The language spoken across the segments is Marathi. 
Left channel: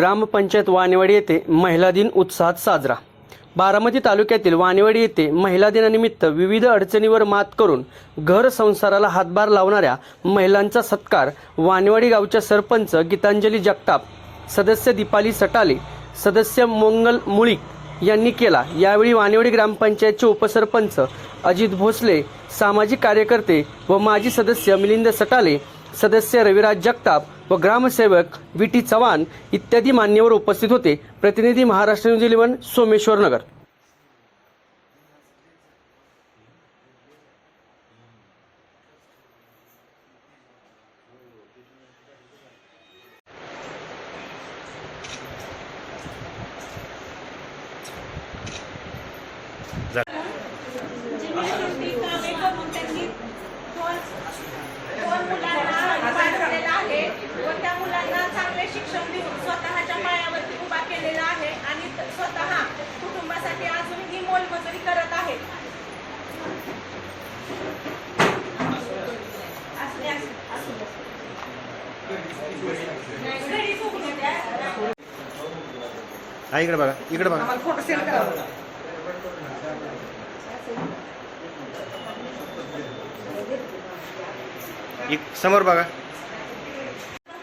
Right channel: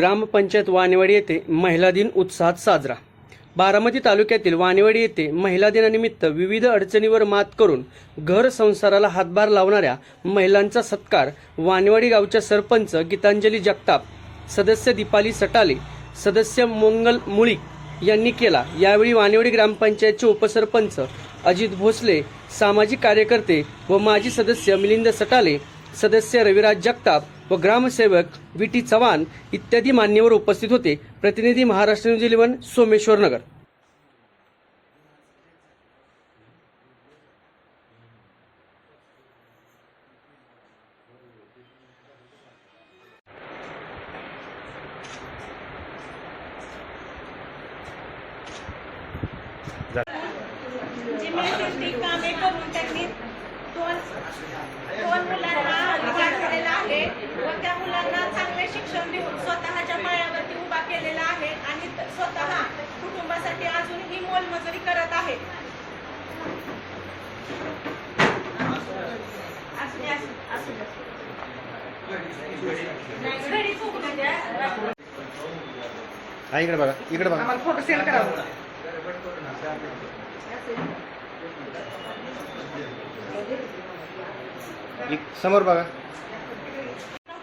ग्रामपंचायत वाणेवाडी येथे महिला दिन उत्साहात साजरा। बारामती तालुक्यातील वाणेवाडी येथे महिला दिनानिमित्त विविध अडचणीवर मात करून घर संसाराला हातभार लावणाऱ्या महिलांचा सत्कार वाणेवाडी गावच्या सरपंच गीतांजली जगताप, सदस्य दीपाली सटाले, सदस्य मंगल मुळीक यांनी केला। यावेळी वाणेवाडी ग्रामपंचायतचे उपसरपंच अजित भोसले, सामाजिक कार्यकर्ते व माजी सदस्य मिलिंद सटाले, सदस्य रविराज जगताप व ग्रामसेवक विटी चव्हाण इत्यादी मान्यवर उपस्थित होते। प्रतिनिधी महाराष्ट्र न्यूज 11 सोमेश्वर नगर। त्या मुलांना चांगले शिक्षण देऊन स्वतःच्या पायावरती उभा केलेला आहे आणि स्वतः कुटुंबासाठी अजूनही मोलमजुरी करत आहे। इकडे बघा, इकडे बघा, आम्हाला फोटो सेंड करा। समोर बघा।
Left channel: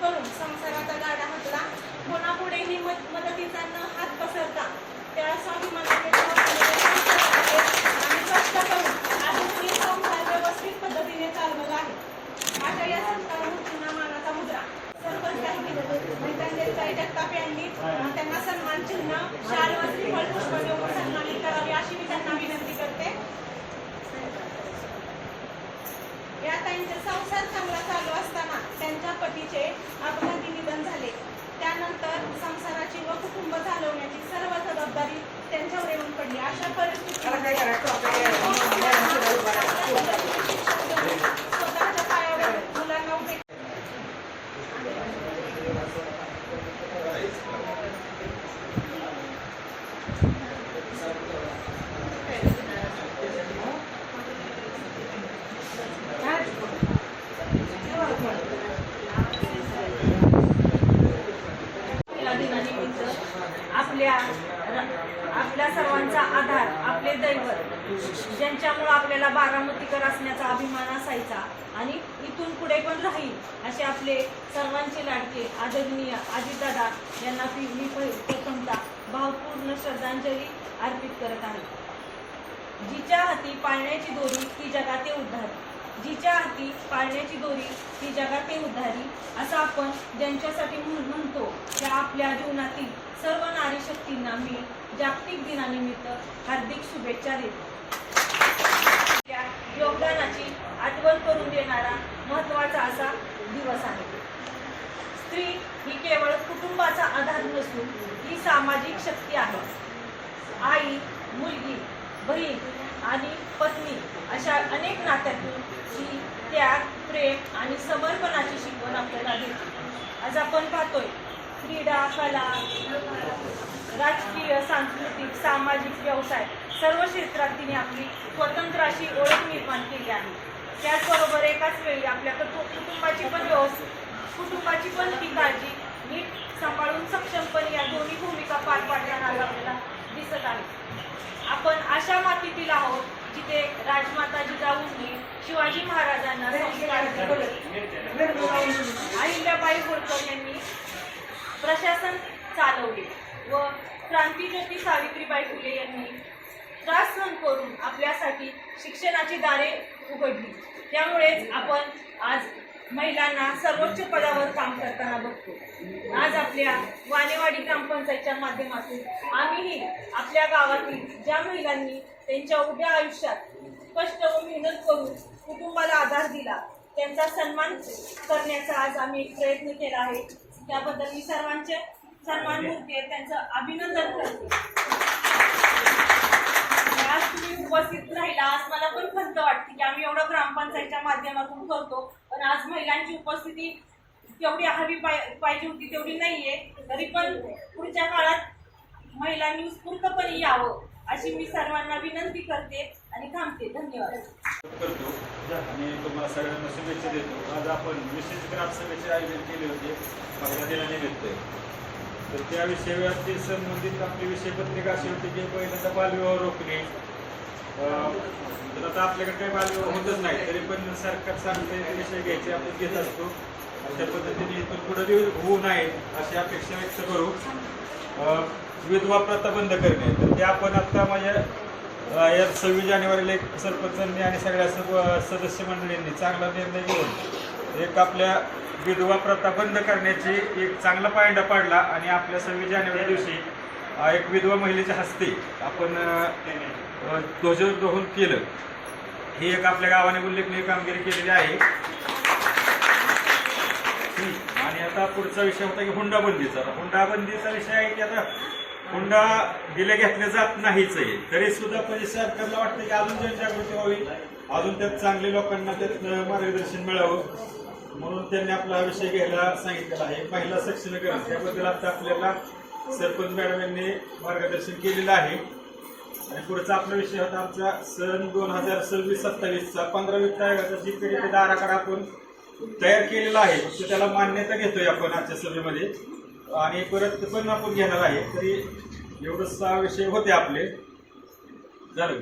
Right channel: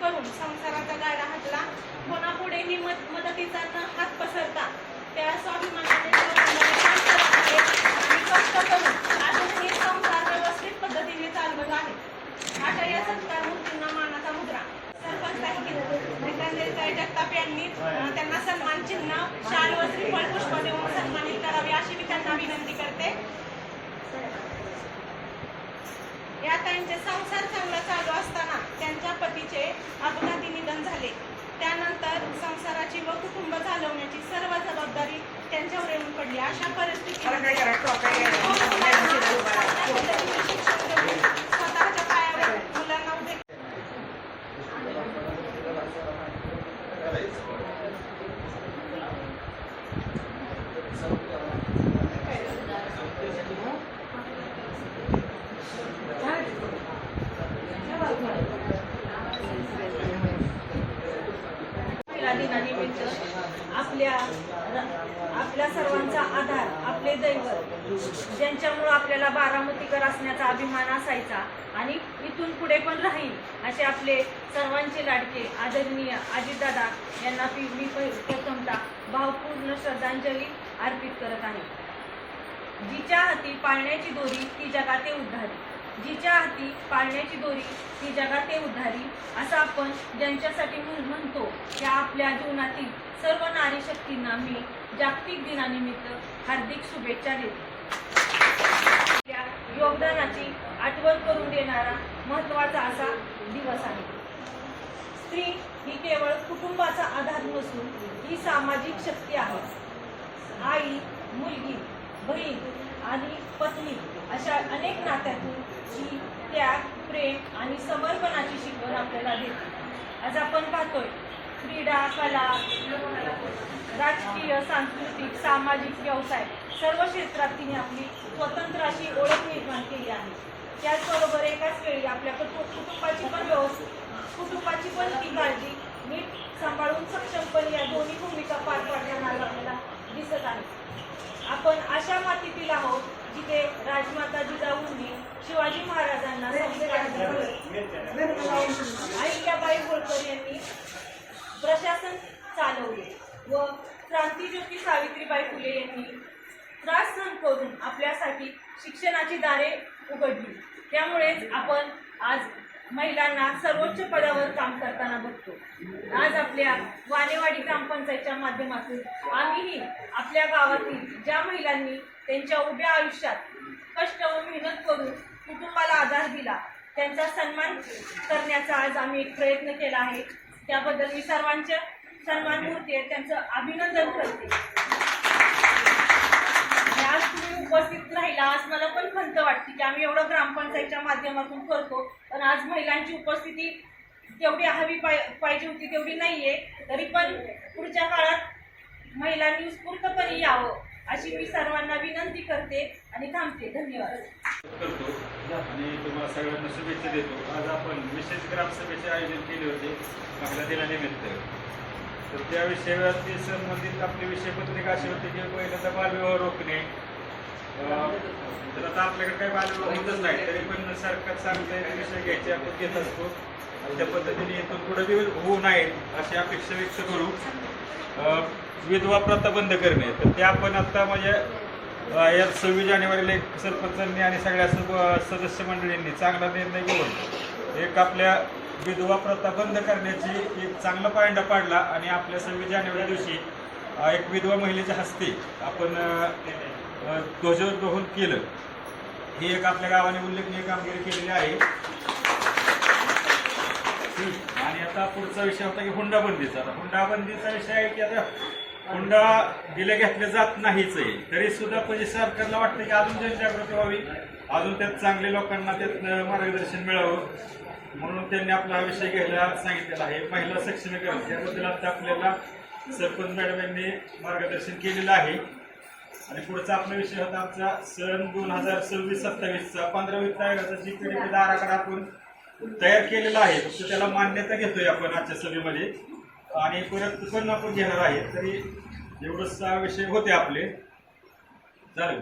करून संसाराचा गाडा हातला, कोणापुढेही मदतीचा न हात पसरता त्या स्वाभिमानाने कष्ट करून अजूनही संसार व्यवस्थित पद्धतीने चालवत आहे। अशा या संस्कार मूर्तींना मानाचा मुद्रा सरपंच गीतांजली जगताप यांनी त्यांना सन्मान चिन्ह, शाल व श्रीफळ पुष्प देऊन सन्मानित करावे अशी मी त्यांना विनंती करते। या त्यांचे संसार चांगला चालू असताना त्यांच्या पतीचे अपघाती निधन झाले। त्यानंतर संसाराची व कुटुंब चालवण्याची सर्व जबाबदारी त्यांच्यावर येऊन पडली। अशा परिस्थितीत स्वतःच्या पायावर मुलांना उभे दिनानिमित्त आपल्या सर्वांचा आधार, आपले दैवत, ज्यांच्यामुळे आपल्याला बारामतीकर असण्याचा अभिमान असायचा आणि इथून पुढे पण राहील असे आपले सर्वांचे लाडके आदरणीय अजितदादा यांना मी प्रथमतः भावपूर्ण श्रद्धांजली अर्पित करत आहे। जिच्या हाती पाळण्याची दोरी ती जगाते उद्धारी, जिच्या हाती पाळण्याची दोरी ती जगाते उद्धारी असं आपण ज्यांच्यासाठी म्हणतो त्या आपल्या जीवनातील सर्व नारी शक्तींना मी जागतिक दिनानिमित्त हार्दिक शुभेच्छा देतो। त्या योगदानाची आठवण करून देणारा महत्त्वाचा असा दिवस आहे। स्त्री ही केवळ कुटुंबाचा आधार नसून ही सामाजिक शक्ती आहे। आई, मुलगी, बहीण आणि पत्नी अशा अनेक नात्यातून ही त्याग, प्रेम आणि समर्पणाची शिकवण आपल्याला देते। आज आपण पाहतोय क्रीडा, कला, राजकीय, सांस्कृतिक, सामाजिक, व्यवसाय सर्व क्षेत्रात तिने आपली स्वतंत्र अशी ओळख निर्माण केली आहे। त्याचबरोबर एकाच वेळी आपल्या कुटुंबाची पण ती काळजी नीट सांभाळून सक्षमपणे या दोन्ही भूमिका पार पाडताना आपल्याला दिसत आहे। आपण अशा मातीतील आहोत जिथे राजमाता जिजाऊंनी शिवाजी महाराजांना संस्कार दिले, अहिल्याबाई होळकर यांनी प्रशासन चालवले व क्रांतिज्योती सावित्रीबाई फुले यांनी त्रास सहन करून आपल्यासाठी शिक्षणाची दारे उघडली। त्यामुळेच आपण आज महिलांना सर्वोच्च पदावर काम करताना बघतो। आज आपल्या वाणेवाडी ग्रामपंचायतच्या माध्यमातून आम्हीही आपल्या गावातील ज्या महिलांनी त्यांच्या उभ्या आयुष्यात कष्ट व मेहनत करून कुटुंबाला आधार दिला त्यांचा सन्मान करण्याचा आज आम्ही एक प्रयत्न केला आहे। त्याबद्दल मी सर्वांच्या सन्मानमूर्ती आहे त्यांचं अभिनंदन करते। आज तुम्ही उपस्थित राहिला, आज मला पण खंत वाटते की आम्ही एवढं ग्रामपंचायतच्या माध्यमातून करतो, पण आज महिलांची उपस्थिती तेवढी हवी पाहिजे होती तेवढी नाहीये। तरी पण पुढच्या काळात महिलांनी उत्स्फूर्तपणे यावं अशी मी सर्वांना विनंती करते आणि थांबते। धन्यवाद करतो आणि तुम्हाला सगळ्यांना शुभेच्छा देतो। आज आपण विशेष ग्रामसभेचे आयोजन केले होते महिला दिनानिमित्त। तर त्या विषयावरती संबंधित आपली विषयपत्रिका अशी होती की पहिल्यांदा बालविवाह रोखणे. तर आता आपल्याकडे काही बालविवाह होतच नाही, तरी पण सरकार सांगते ते विषय घ्यायचे आपण घेत असतो आणि त्या पद्धतीने इथून पुढे होऊ नयेत अशी अपेक्षा व्यक्त करू. विधवा प्रथा बंद करणे, तर ते आपण आता म्हणजे या 26 जानेवारीला एक सरपंचांनी आणि सगळ्या सदस्य मंडळींनी चांगला निर्णय घेऊन एक आपल्या विधवा प्रथा बंद करण्याची एक चांगला पायंडा पाडला आणि आपल्या 26 जानेवारी दिवशी एक विधवा महिलेच्या हस्ते आपण ध्वजारोहण केलं. ही एक आपल्या गावाने उल्लेखनीय कामगिरी केलेली आहे. आणि आता पुढचा विषय होता की हुंडाबंदीचा. हुंडाबंदीचा विषय आहे की आता हुंडा दिले घेतले जात नाहीच आहे, तरी सुद्धा म्हणजे सरकारला वाटतं की अजून जनजागृती व्हावी, अजून त्यात चांगले लोकांना त्यात मार्गदर्शन मिळावं, म्हणून त्यांनी आपला हा विषय घ्यायला सांगितलेला आहे. महिला सक्षमीकरण त्याबद्दल आता आपल्याला सरपंच मॅडम यांनी मार्गदर्शन केलेलं आहे. आणि पुढचा आपला विषय होता आमचा सन 2026-27चा 15 वित्त आयोगाचा GPDP आराखडा आपण तयार केलेला आहे. फक्त त्याला मान्यता घेतोय आपण आजच्या सभेमध्ये आणि परत पण आपण घेणार आहे. तरी एवढंच विषय होते आपले. झालं.